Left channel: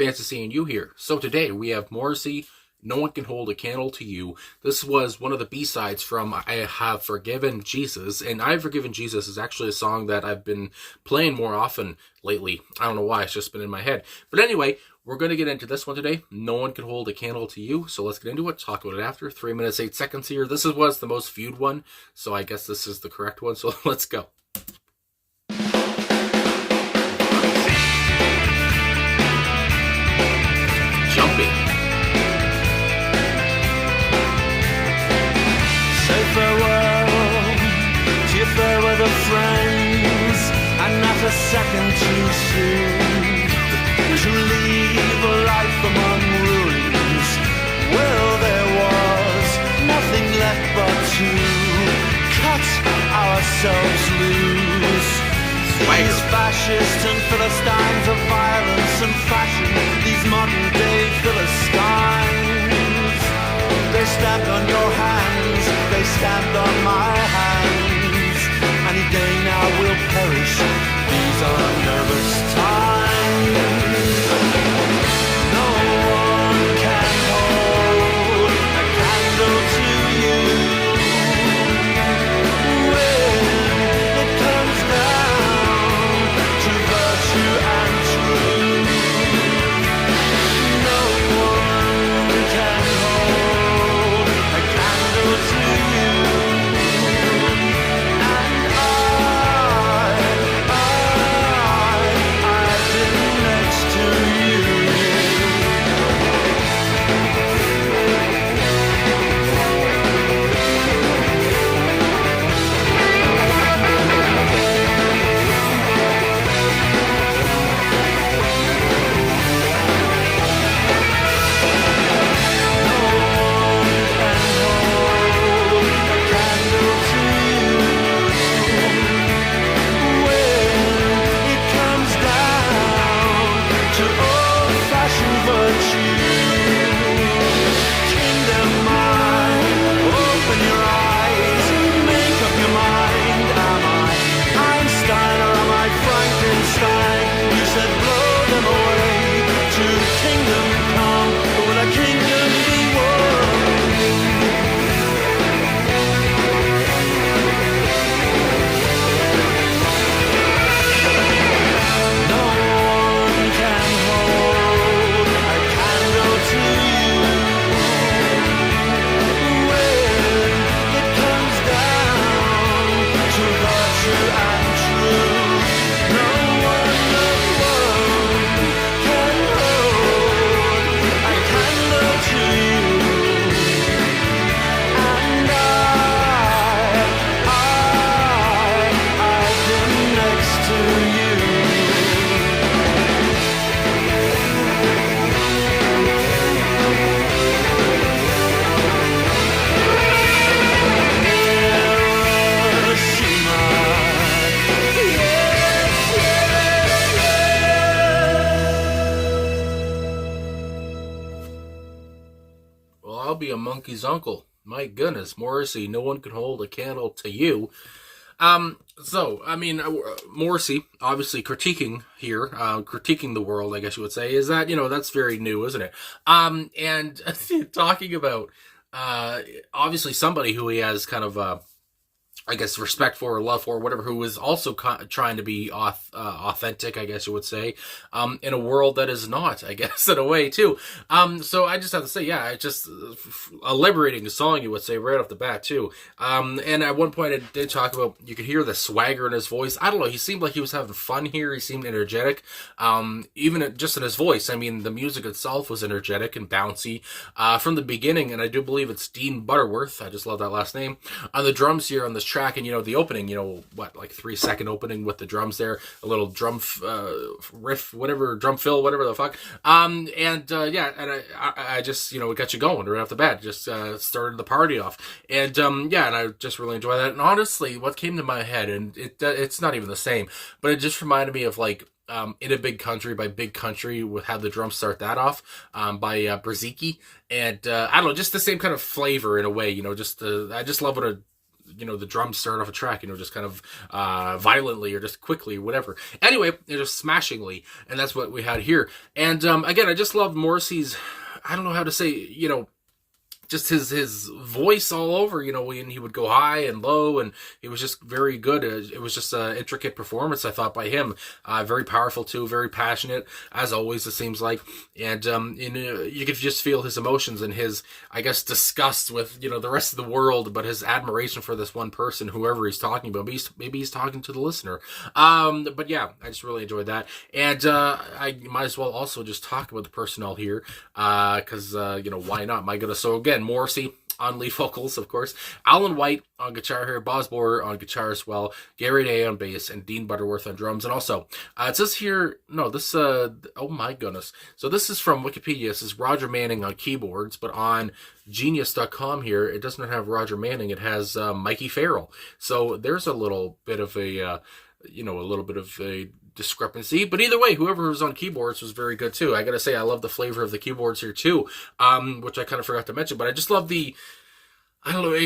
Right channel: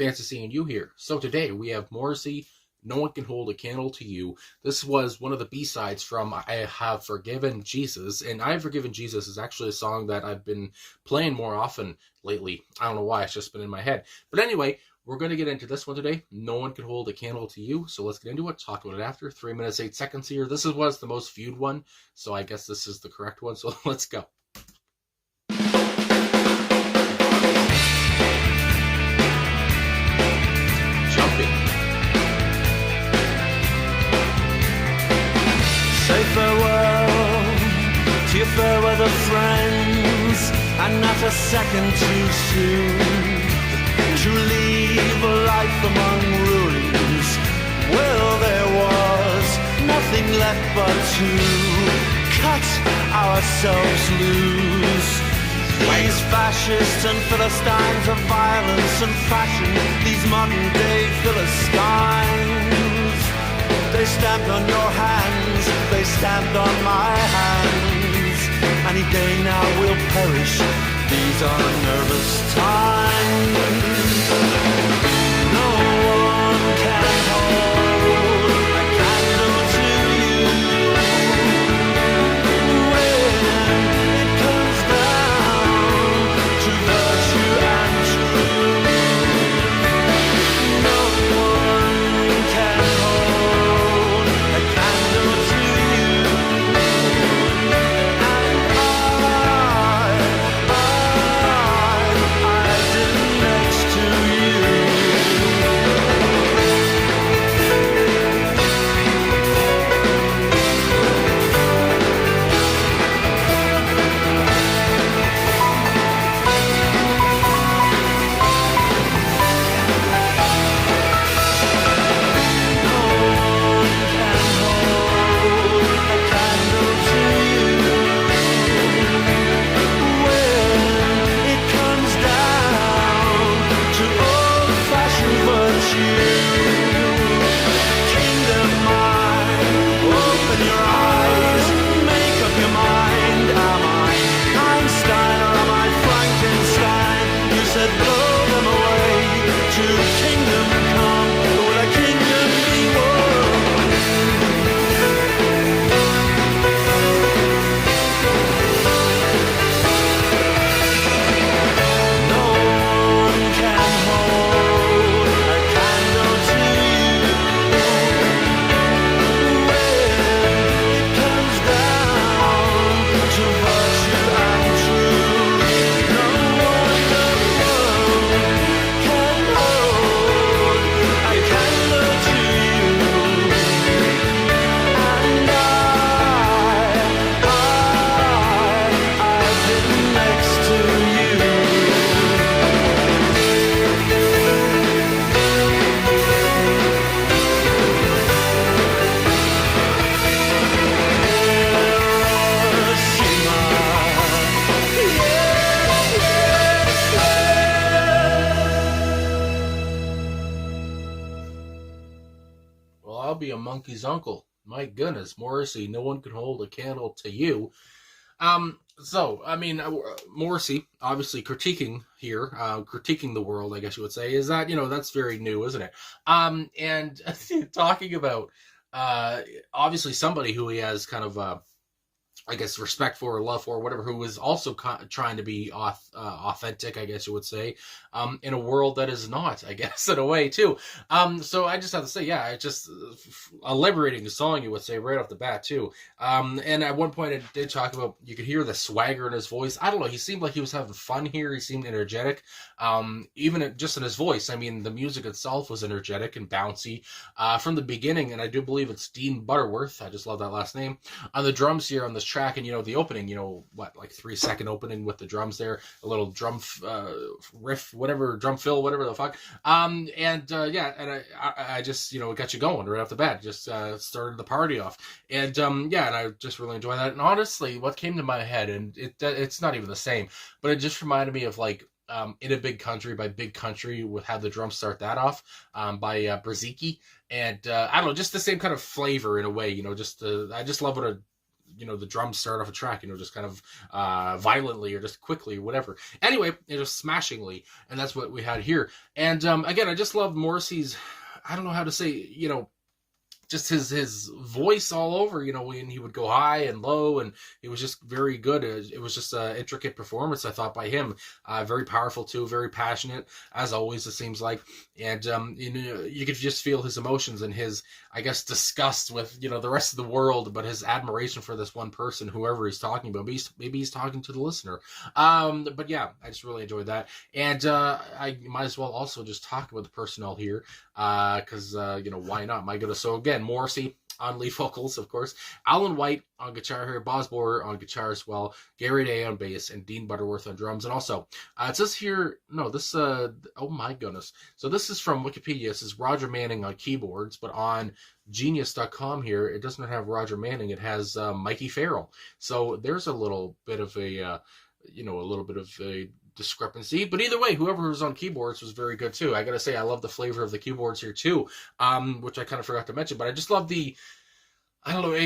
Fancy seeing you here. So today we have Morrissey, No One Can Hold a Candle to You. This was one of the B-sides from I Have Forgiven Jesus, and I Have Forgiven Jesus is actually a song that I've been playing more often lately. I don't know why, it's just been in my head. But anyway, we're going to get into this one today. No One Can Hold a Candle to You. So let's get into it, talk about it after. 3 minutes, 8 seconds here. This was the most viewed one, so I guess this is the correct one. So let's go. Say farewell to your fair weather friends, and not a second too soon to leave a life among ruins. Well, there was nothing left but to cut ourselves loose. These fascists and Philistines of violence and fashion, these modern day Philistines, they stamped on your hands, they stamped on my hands. Any day now we'll perish, these are nervous times. No one can hold a candle to you when it comes down to virtue and truth. No one can hold a candle to you, and I've been next to you. No one can hold a candle to you when it comes down to old-fashioned virtue. Kingdom mind, open your eyes, make up your mind. Am I Einstein or am I Frankenstein? You said blow them away, to kingdom come, but will a kingdom be won? No one can hold a candle to you when it comes down to virtue and truth. No one alone can hold a candle to you, and I've been next to you. Hiroshima, yes, yes, yes. Well, I'll be a monkey's uncle. My goodness, Morrissey, No One Can Hold a Candle to You. Morrissey, obviously critiquing here, critiquing the world, I guess you would say, is that, that's very new, isn't it? And talking about, obviously somebody who he has kind of, I guess, respect for or love for, or whatever, who is also trying to be authentic, I guess you would say, in a world that is not, I guess, in a way, too. So I just have to say, yeah, it's just a liberating song, you would say, right off the bat, too. And at one point, I did talk about, you could hear the swagger in his voice. I don't know, he seemed like he was having fun here. He seemed energetic, even just in his voice. I mean, the music itself was energetic and bouncy from the beginning, and I do believe it's Dean Butterworth. I just love that last name. On the drums here on this track, and the opening, like 3-second opening with the drums there, a little drum riff, whatever, drum fill, whatever the fuck. I just, it got you going right off the bat. Just started the party off, and and I just really enjoy that. And honestly, what came to my head, and it's not even the same, but it just reminded me of like In a Big Country by Big Country, with how the drums start that off, by Brzezicki. And I don't know, just the same kind of flavor in a way, I just love what a the drums start off a track, just kind of violently or just quickly or whatever. Anyway, just smashingly, and that's what we had here. And again, I just love Morrissey's, I don't know how to say, just his voice all over, when he would go high and low, and it was just very good. It was just an intricate performance, I thought, by him. Very powerful too, very passionate, as always, it seems like. And you could just feel his emotions and his, I guess, disgust with, the rest of the world, but his admiration for this one person, whoever he's talking about. Maybe he's talking to the listener. But yeah, I just really enjoyed that. And I might as well also just talk about the personnel here, because, why not? My goodness. So again, Morrissey on lead vocals, of course, Alan White on guitar here, Boz Borer on guitar as well, Gary Day on bass, and Dean Butterworth on drums. And also, it says here, oh my goodness. So this is from Wikipedia. This is Roger Manning on keyboards, but on Genius.com here, it does not have Roger Manning. It has Mikey Farrell. So there's a little bit of a discrepancy, but either way, whoever was on keyboards was very good too. I gotta say, I love the flavor of the keyboards here too, which I kind of forgot to mention, but I just love it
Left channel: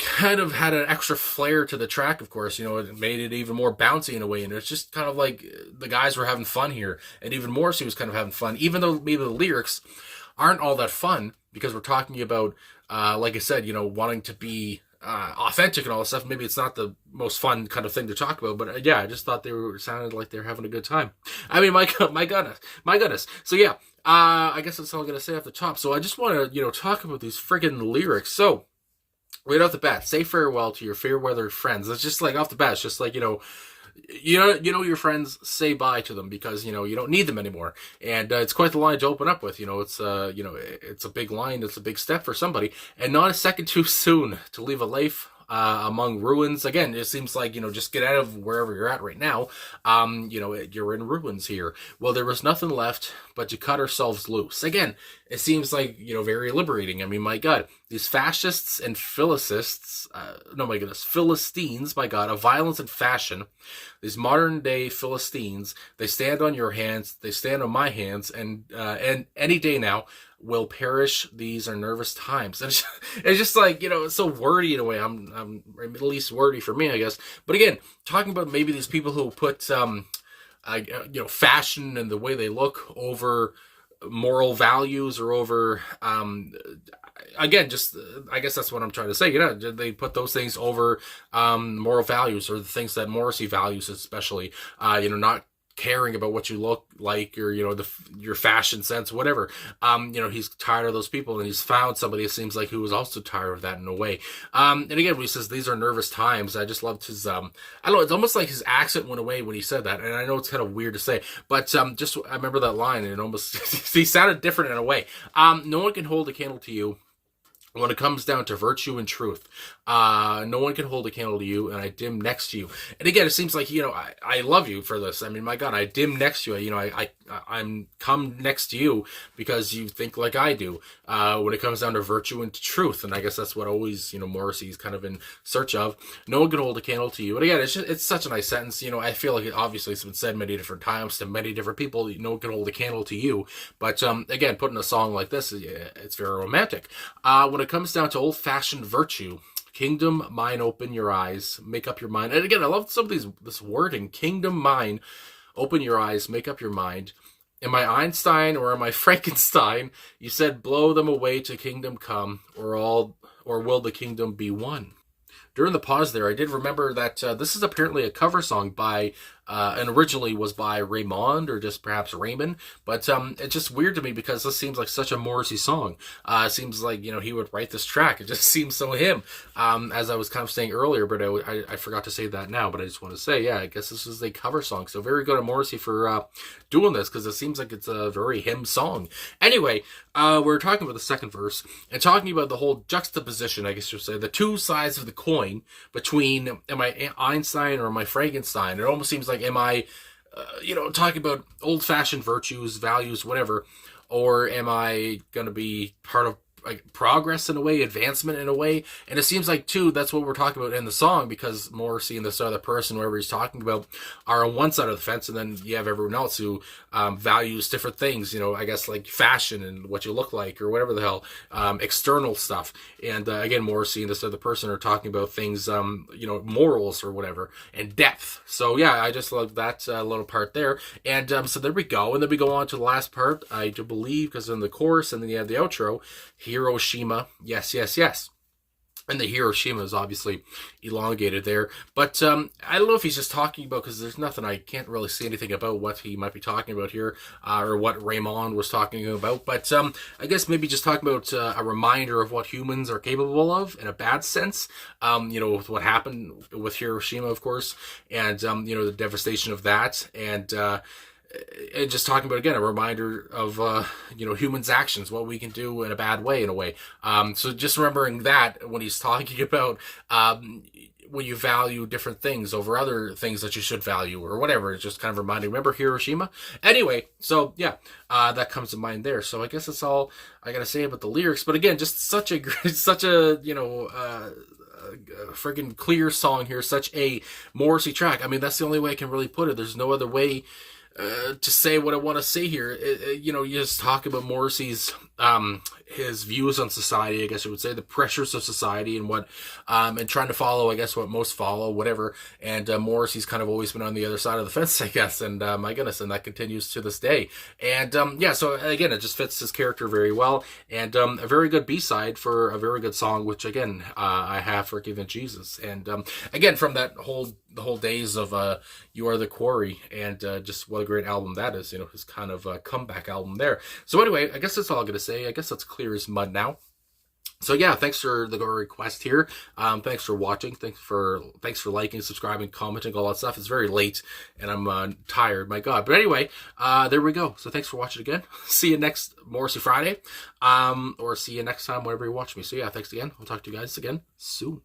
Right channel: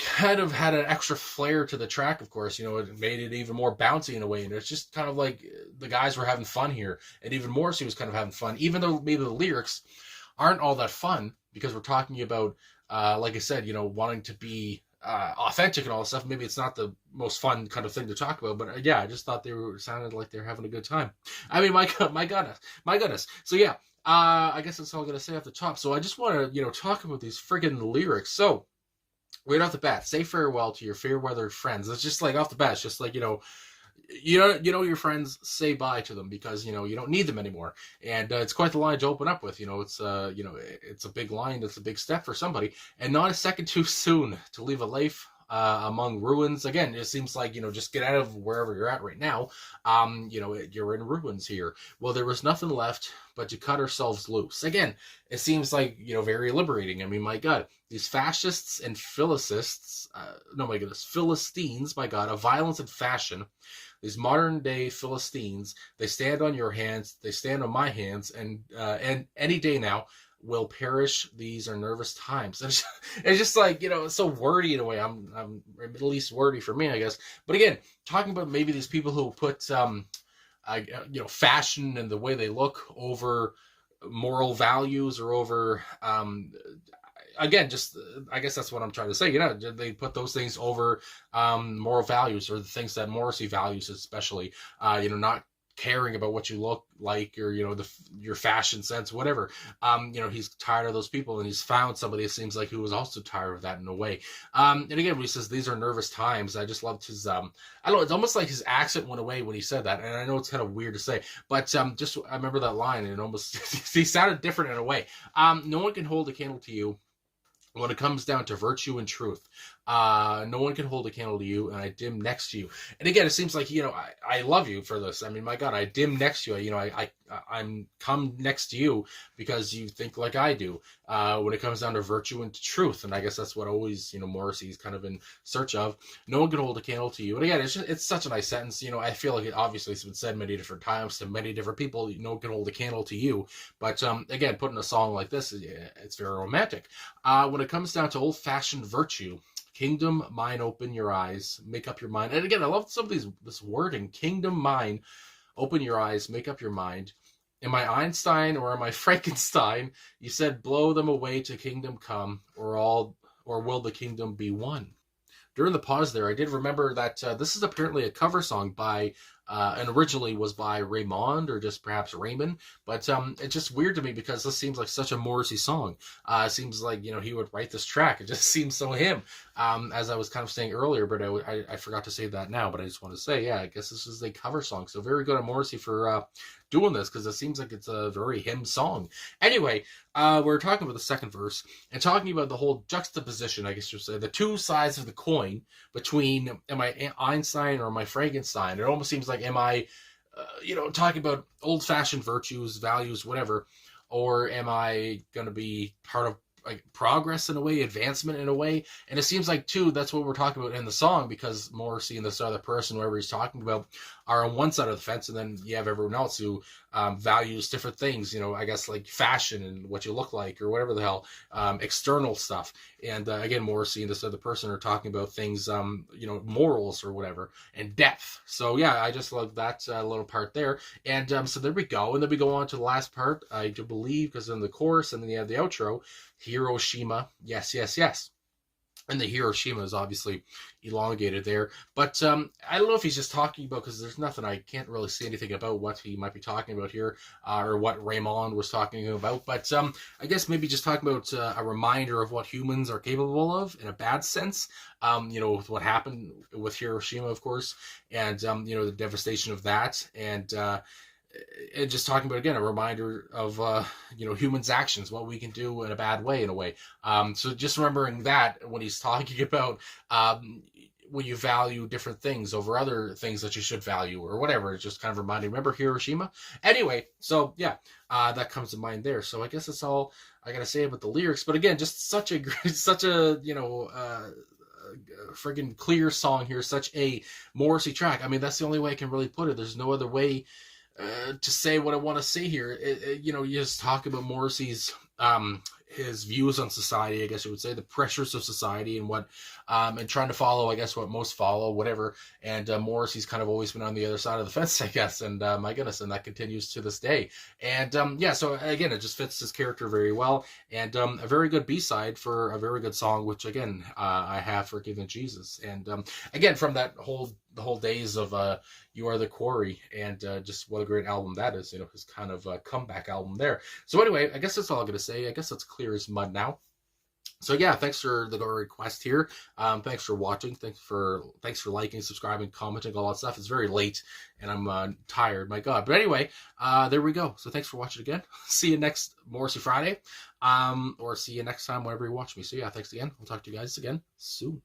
kind of had an extra flair to the track, of course. It made it even more bouncy in a way, and it's just kind of like the guys were having fun here, and even Morrissey was kind of having fun, even though maybe the lyrics aren't all that fun, because we're talking about, like I said, wanting to be authentic and all this stuff. Maybe it's not the most fun kind of thing to talk about, but yeah, I just thought they sounded like they're having a good time. I mean, my goodness. So yeah, I guess that's all I'm gonna say off the top. So I just want to talk about these friggin' lyrics. So right off the bat, say farewell to your fair weather friends. It's just like off the bat, it's just like your friends, say bye to them, because you don't need them anymore. And it's quite the line to open up with. It's it's a big line. It's a big step for somebody, and not a second too soon to leave a life among ruins. Again, it seems like just get out of wherever you're at right now. You're in ruins here. Well, there was nothing left but to cut ourselves loose. Again, it seems like very liberating. I mean, my God, these fascists and Philistines, my God, of violence and fashion. These modern day Philistines, they stand on your hands, they stand on my hands, and any day now will perish. These are nervous times. And it's just like, it's so wordy in a way. I'm at least wordy for me, I guess. But again, talking about maybe these people who put fashion and the way they look over moral values, or over again, just I guess that's what I'm trying to say. They put those things over moral values, or the things that Morrissey values, especially. Not caring about what you look like, or your fashion sense, whatever. He's tired of those people, and he's found somebody, it seems like, who was also tired of that in a way. And again, when he says these are nervous times, I just loved his I don't know, it's almost like his accent went away when he said that, and I know it's kind of weird to say, but just I remember that line, and it almost he sounded different in a way. No one can hold a candle to you when it comes down to virtue and truth. No one can hold a candle to you, and I dim next to you. And again, it seems like, I love you for this. I mean, my God, I dim next to you. I'm come next to you because you think like I do, when it comes down to virtue and to truth. And I guess that's what always, Morrissey's kind of in search of. No one can hold a candle to you. And again, it's such a nice sentence. I feel like obviously it's been said many different times to many different people. No one can hold a candle to you. But again, putting a song like this, it's very romantic. When it comes down to old-fashioned virtue, kingdom, mine, open your eyes, make up your mind. And again, I love some of this wording. Kingdom, mine, open your eyes, make up your mind. Am I Einstein or am I Frankenstein? You said blow them away to kingdom come, or will the kingdom be one? During the pause there, I did remember that this is apparently a cover song by, and originally was by Raymond, or just perhaps Raymond, but it's just weird to me because this seems like such a Morrissey song. It seems like, he would write this track. It just seems so him, as I was kind of saying earlier, but I forgot to say that now, but I just want to say, yeah, I guess this is a cover song, so very good on Morrissey for doing this, because it seems like it's a very him song. Anyway, we're talking about the second verse, and talking about the whole juxtaposition, I guess you'd say, the two sides of the coin between, am I Einstein or am I Frankenstein? It almost seems like, am I, talking about old-fashioned virtues, values, whatever, or am I going to be part of like progress in a way, advancement in a way. And it seems like too that's what we're talking about in the song, because Morrissey and this other person, whoever he's talking about, are on one side of the fence, and then you have everyone else who values different things, I guess like fashion and what you look like or whatever the hell, external stuff. And again, Morrissey and this other person are talking about things, morals or whatever, and depth. So yeah, I just love that little part there. And so there we go. And then we go on to the last part, I do believe, because in the chorus, and then you have the outro, Hiroshima, yes, yes, yes. And the Hiroshima is obviously elongated there. But I don't know if he's just talking about, because there's nothing, I can't really see anything about what he might be talking about here, or what Raymond was talking about. But I guess maybe just talking about a reminder of what humans are capable of in a bad sense, with what happened with Hiroshima, of course, and, the devastation of that. And just talking about, again, a reminder of, humans' actions, what we can do in a bad way, in a way. So just remembering that when he's talking about when you value different things over other things that you should value or whatever, it's just kind of reminding, remember Hiroshima? Anyway, so yeah, that comes to mind there. So I guess that's all I got to say about the lyrics. But again, just such a friggin' clear song here, such a Morrissey track. I mean, that's the only way I can really put it. There's no other way to say what I want to say here. You just talk about Morrissey's his views on society, I guess you would say, the pressures of society, and what and trying to follow, I guess, what most follow, whatever. And Morrissey's kind of always been on the other side of the fence, I guess, and my goodness, and that continues to this day. And so again, it just fits his character very well, and a very good B-side for a very good song, which again, I Have Forgiven Jesus. And again, from the whole days of You Are the Quarry, and just what a great album that is, his kind of comeback album there. So anyway, I guess that's all I'm gonna say. I guess that's clear as mud now. So yeah, thanks for the request here. Thanks for watching. Thanks for liking, subscribing, commenting, all that stuff. It's very late and I'm tired, my God. But anyway, there we go. So thanks for watching again. See you next Morrissey Friday, or see you next time whenever you watch me. So yeah, thanks again. I'll talk to you guys again soon.